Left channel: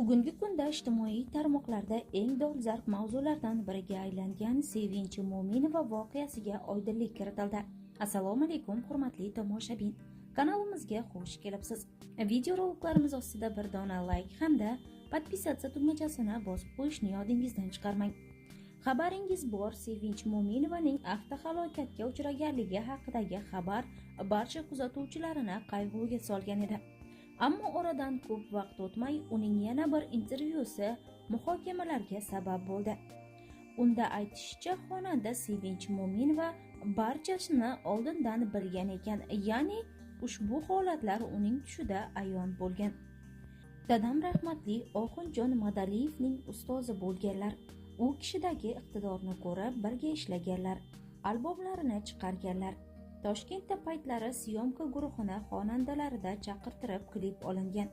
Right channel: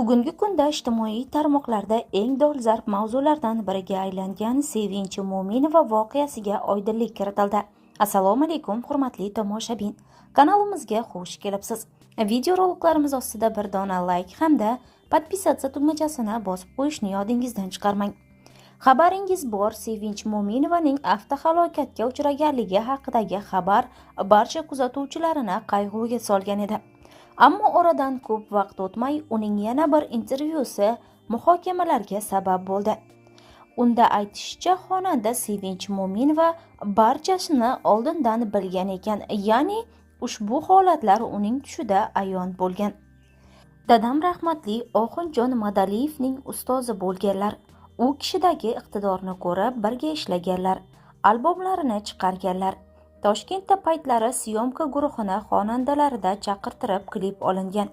Bugungi kunda ijtimoiy tarmoqlarda eng dolzarb mavzulardan biriga aylangan Sevinch Mo'minova voqeasiga oydinlik kiritildi. Assalomu alaykum, hurmatli tomoshabin. Kanalimizga xush kelibsiz. Videoroliklarimiz ostida bir dona like hamda podpisatsiya tugmachasini bosib qo'yishni yodingizdan chiqarmang. Xabaringiz bor, Sevinch Mo'minovaning avtohalokatga uchraganligi haqidagi xabar barcha kuzatuvchilarini qayg'uga solgan edi. Ammo oradan ko'p vaqt o'tmay uning yana bir intervyusi muhokamalarga sabab bo'ldi. Unda aytishicha, xonanda Sevinch Mo'minova barchasini oldindan bilgan ekan, ya'ni ushbu holatlar uning tushida ayon bo'lgan. Dadam rahmatli Oxunjon Madaliyevning ustozi bo'lganlar. U kishidagi iqtidorni ko'rib birga ishlaganlar, albomlarini chiqarganlar. Toshkentda paytlari syomka guruhini xonandalarida chaqirtirib klip olingan.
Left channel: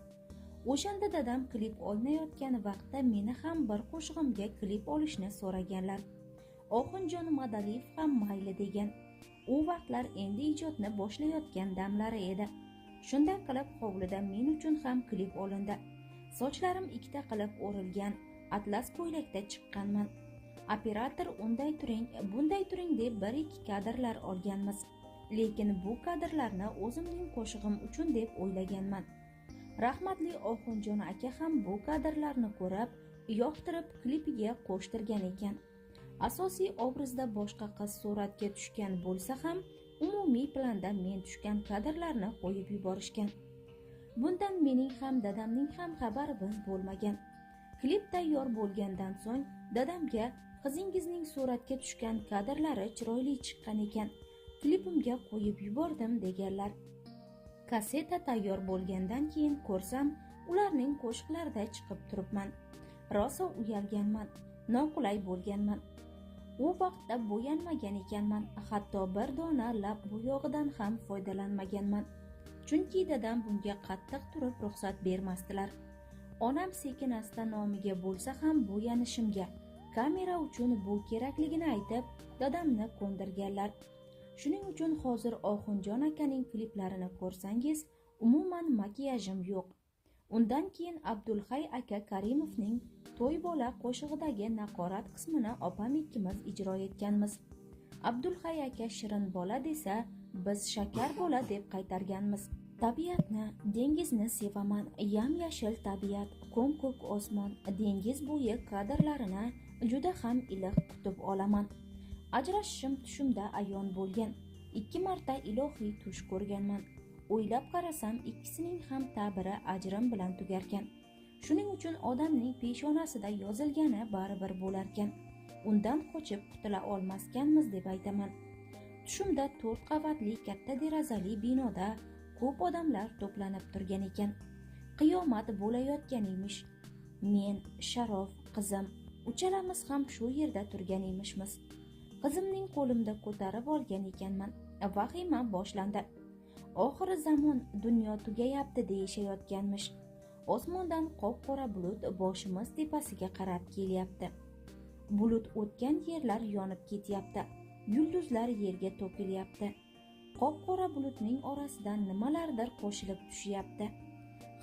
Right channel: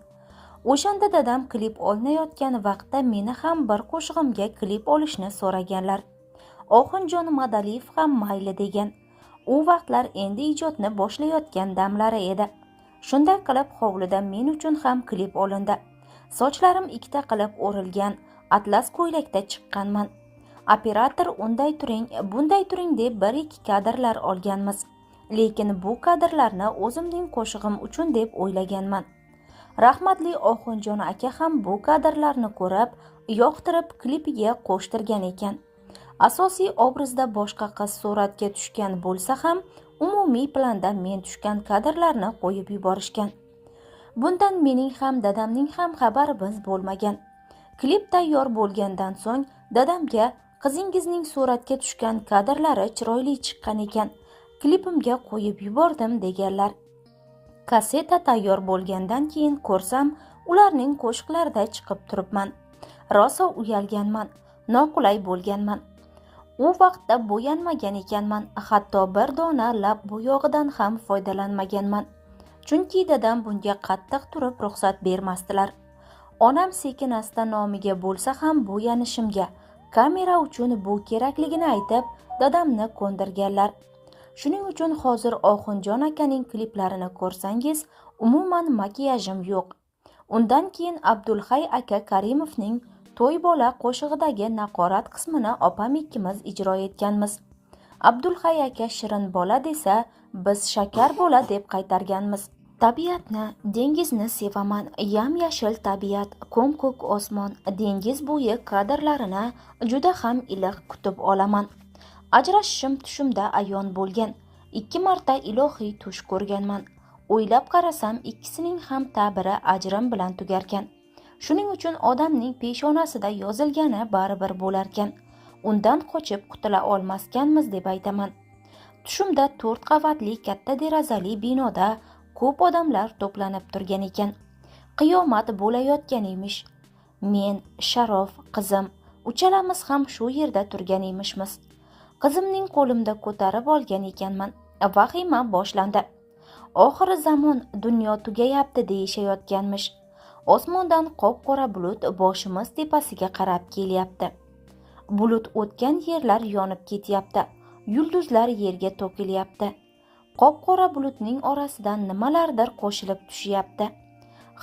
O'shanda dadam klip olinayotgan vaqtda meni ham bir qo'shig'imga klip olishni so'raganlar. Oxunjon Madaliyev ham mayli degan. U vaqtlar endi ijodni boshlayotgan damlari edi. Shunday qilib hovlida men uchun ham klip olindi. Sochlarim ikkita qilib o'rilgan, atlas ko'ylakda chiqqanman. Operator unday turing, bunday turing deb bir-ikki kadrlar olganmiz. Lekin bu kadrlarni o'zimning qo'shig'im uchun deb o'ylaganman. Rahmatli Oxunjon aka ham bu kadrlarni ko'rib, yoqtirib klipiga qo'shtirgan ekan. Asosiy obrazda boshqa qiz suratga tushgan bo'lsa ham, umumiy planda men tushgan kadrlarni qo'yib yuborishgan. Bundan mening ham dadamning ham xabarimiz bo'lmagan. Klip tayyor bo'lgandan so'ng dadamga qizingizning suratga tushgan kadrlari chiroyli chiqqan ekan, klipimga qo'yib yubordim deganlar. Kaseta tayyor bo'lgandan keyin ko'rsam, ularning qo'shiqlarida chiqib turibman. Rosa uyalganman, noqulay bo'lganman. U vaqtda bo'yanmagan ekanman, hatto bir dona lab bo'yog'idan ham foydalanmaganman. Chunki dadam bunga qattiq turib ruxsat bermasdilar. Onam sekin-asta nomiga bo'lsa ham bo'yanishimga, kamera uchun bu kerakligini aytib, dadamni ko'ndirganlar. Shuning uchun hozir Oxunjon akaning kliplarini ko'rsangiz, umuman makiyajim yo'q. Undan keyin Abdulhay aka Karimovning To'y bola qo'shig'idagi naqorat qismini opam ikkimiz ijro etganmiz. Abdulhay aka shirin bola desa, biz shakar bola deb qaytarganmiz. Tabiatni, dengizni sevaman, yam-yashil tabiat, ko'm-ko'k osmon, dengiz bo'yi kadrlarini juda ham iliq kutib olaman. Ajrashishim tushimda ayon bo'lgan. 2 marta ilohiy tush ko'rganman. O'ylab qarasam, ikkisining ham ta'biri ajrim bilan tugarkan. Shuning uchun odamning peshonasida yozilgani baribir bo'larkan. Undan qochib qutula olmaskanmiz deb aytaman. Tushimda 4 qavatli katta derazali binoda ko'p odamlar to'planib turgan ekan. Qiyomat bo'layotgan emish. Men, Sharof, qizim, uchalamiz ham shu yerda turgan emishmiz. Qizimning qo'limda ko'tarib olgan ekanman. Vahima boshlandi. Oxiri zamon, dunyo tugayapti deyishayotganmish. Osmondan qop-qora bulut boshimiz tepasiga qarab kelyapti. Bulut o'tgan yerlar yonib ketyapti. Yulduzlar yerga to'kilyapti. Qop-qora bulutning orasidan nimalardir qo'shilib tushyapti.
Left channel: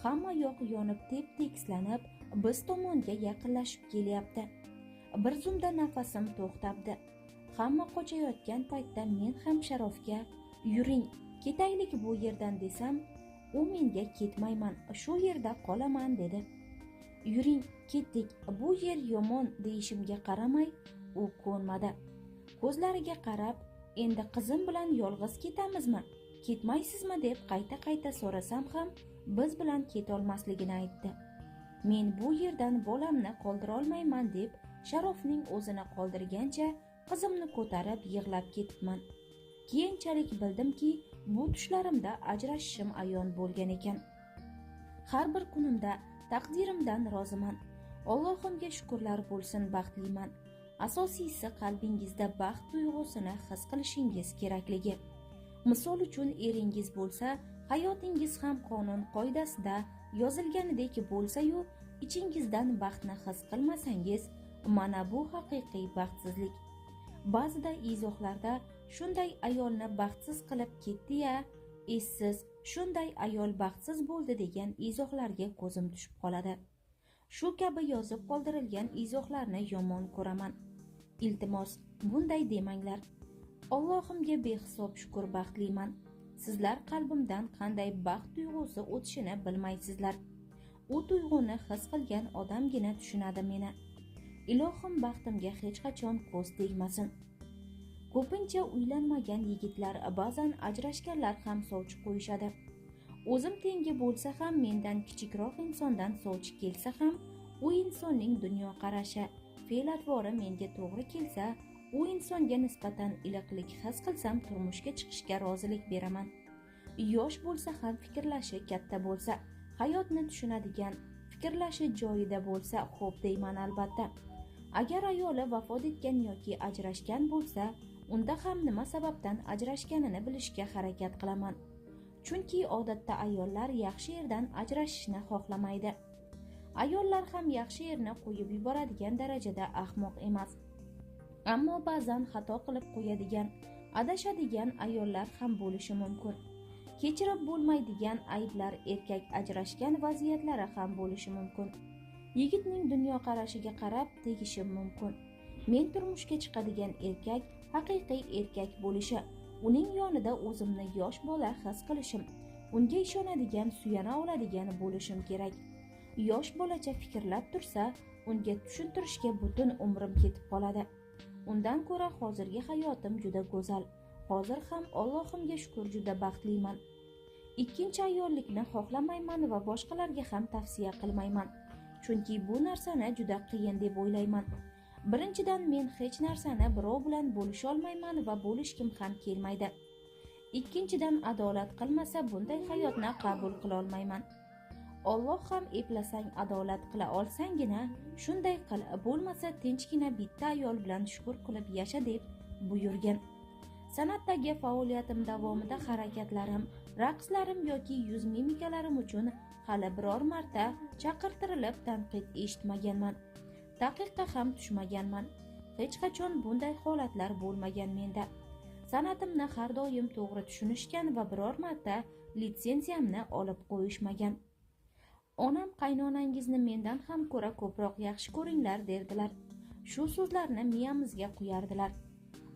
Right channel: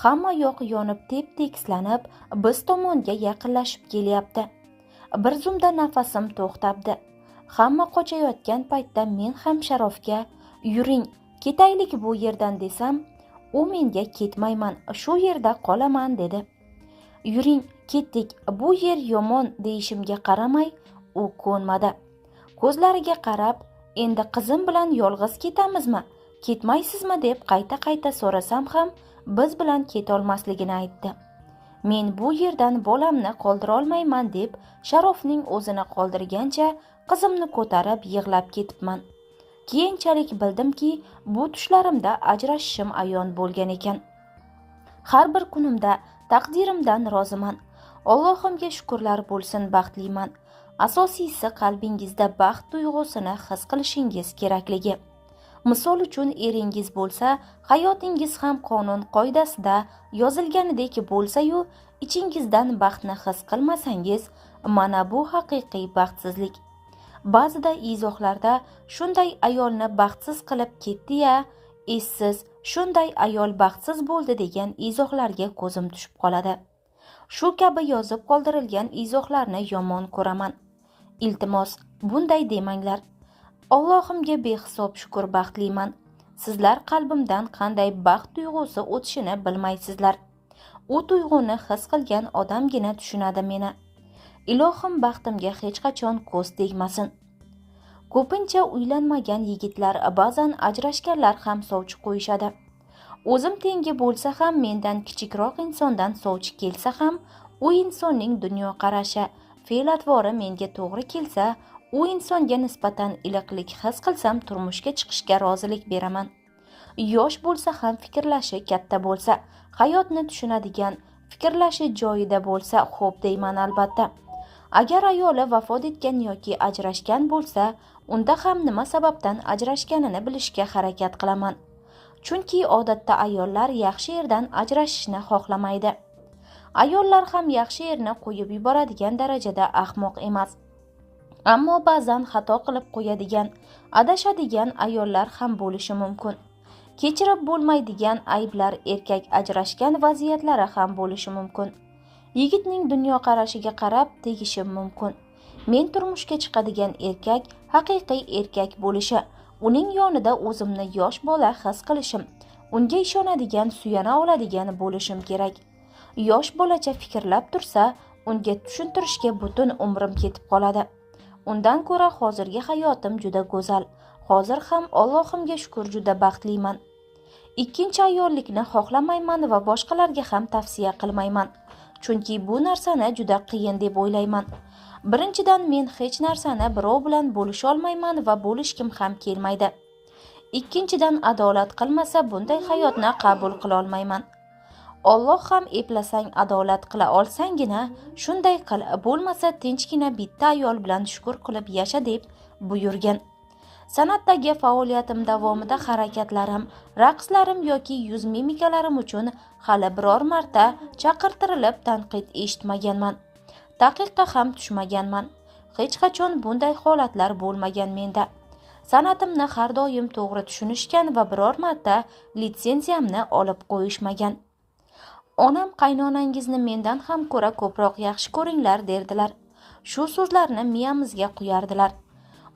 Hamma yoq yonib tep-tekislanib, biz tomonga yaqinlashib kelyapti. Bir zumda nafasim to'xtabdi. Hamma qochayotgan paytda men ham Sharofga yuring, ketaylik bu yerdan desam, u menga ketmayman, shu yerda qolaman dedi. Yuring, ketdik, bu yer yomon deyishimga qaramay, u ko'nmadi. Ko'zlariga qarab, endi qizim bilan yolg'iz ketamizmi, ketmaysizmi deb qayta-qayta so'rasam ham biz bilan ketolmasligini aytdi. Men bu yerdan bolamni qoldira olmayman deb Sharofning o'zini qoldirgancha qizimni ko'tarib yig'lab ketibman. Keyinchalik bildimki, bu tushlarimda ajrashishim ayon bo'lgan ekan. Har bir kunimda taqdirimdan roziman. Allohimga shukrlar bo'lsin, baxtliman. Asosiysi qalbingizda baxt tuyg'usini his qilishingiz kerakligi. Misol uchun eringiz bo'lsa, hayotingiz ham qonun qoidasida yozilganidek bo'lsa-yu, ichingizdan baxtni his qilmasangiz, mana bu haqiqiy baxtsizlik. Ba'zida izohlarda shunday ayolni baxtsiz qilib ketdi-ya, essiz, shunday ayol baxtsiz bo'ldi degan izohlarga ko'zim tushib qoladi. Shu kabi yozib qoldirilgan izohlarni yomon ko'raman. Iltimos, bunday demanglar. Allohimga behisob shukr baxtliman. Sizlar qalbimdan qanday baxt tuyg'usi o'tishini bilmaysizlar. U tuyg'uni his qilgan odamgina tushunadi meni. Ilohim baxtimga hech qachon ko'z tegmasin. Ko'pincha uylanmagan yigitlar ba'zan ajrashganlar ham sovchi qo'yishadi. O'zim tengi bo'lsa ham, mendan kichikroq insondan sovchi kelsa ham, u insonning dunyoqarashi, fe'l-atvori menga to'g'ri kelsa, u insonga nisbatan iliqlik his qilsam, turmushga chiqishga rozilik beraman. Yosh bo'lsa ham, fikrlashi katta bo'lsa, hayotni tushunadigan, fikrlashi joyida bo'lsa, xo'p deyman albatta. Agar ayoli vafot etgan yoki ajrashgan bo'lsa, unda ham nima sababdan ajrashganini bilishga harakat qilaman. Chunki odatda ayollar yaxshi erdan ajrashishni xohlamaydi. Ayollar ham yaxshi erni qo'yib yuboradigan darajada ahmoq emas. Ammo ba'zan xato qilib qo'yadigan, adashadigan ayollar ham bo'lishi mumkin. Kechirib bo'lmaydigan ayblar, erkak ajrashgan vaziyatlari ham bo'lishi mumkin. Yigitning dunyoqarashiga qarab tegishi mumkin. Men turmushga chiqadigan erkak haqiqiy erkak bo'lishi, uning yonida o'zimni yosh bola his qilishim, unga ishonadigan, suyana oladigan bo'lishim kerak. Yosh bolacha fikrlab tursa, unga tushuntirishga butun umrim ketib qoladi. Undan ko'ra hozirgi hayotim juda go'zal. Hozir ham Allohimga shukr juda baxtliman. Ikkinchi ayollikni xohlamayman va boshqalarga ham tavsiya qilmayman. Chunki bu narsani juda qiyin deb o'ylayman. Birinchidan, men hech narsani birov bilan bo'lisha olmayman va bo'lishkim ham kelmaydi. Ikkinchidan, adolat qilmasa bunday hayotni qabul qila olmayman. Alloh ham eplasang adolat qila olsangina shunday qil, bo'lmasa tinchgina bitta ayol bilan shukr qilib yasha deb buyurgan. San'atdagi faoliyatim davomida harakatlarim, raqslarim yoki yuz mimikalarim uchun hali biror marta chaqirtirilib tanqid eshitmaganman. Taqiqqa ham tushmaganman. Hech qachon bunday holatlar bo'lmagan menda. San'atimni har doim to'g'ri tushunishgan va biror marta litsenziyamni olib qo'yishmagan. Onam qaynonangizni mendan ham ko'ra ko'proq yaxshi ko'ringlar derdilar. Shu so'zlarni miyamizga quyardilar.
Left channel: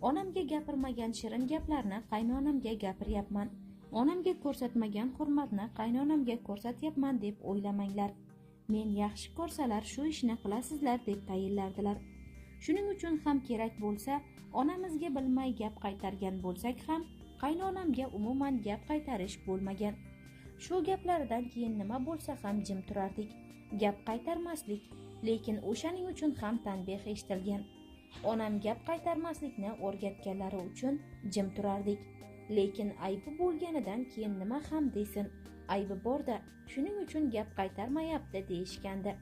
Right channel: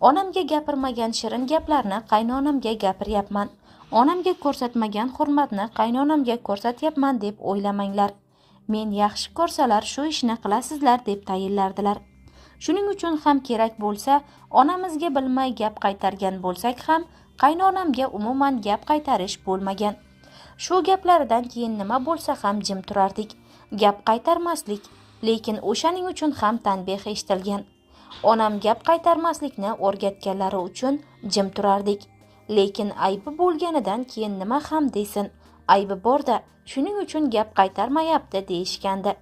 Onamga gapirmagan shirin gaplarni qaynonamga gapiryapman. Onamga ko'rsatmagan hurmatni qaynonamga ko'rsatyapman deb o'ylamanglar. Men yaxshi ko'rsalar shu ishni qilasizlar deb tayinlardilar. Shuning uchun ham kerak bo'lsa, onamizga bilmay gap qaytargan bo'lsak ham, qaynonamga umuman gap qaytarish bo'lmagan. Shu gaplaridan keyin nima bo'lsa ham jim turardik. Gap qaytarmaslik, lekin o'shaning uchun ham tanbeh eshitilgan. Onam gap qaytarmaslikni o'rgatganlari uchun jim turardik. Lekin aybi bo'lganidan keyin nima ham desin, aybi bor-da, shuning uchun gap qaytarmayapti deyishgandi.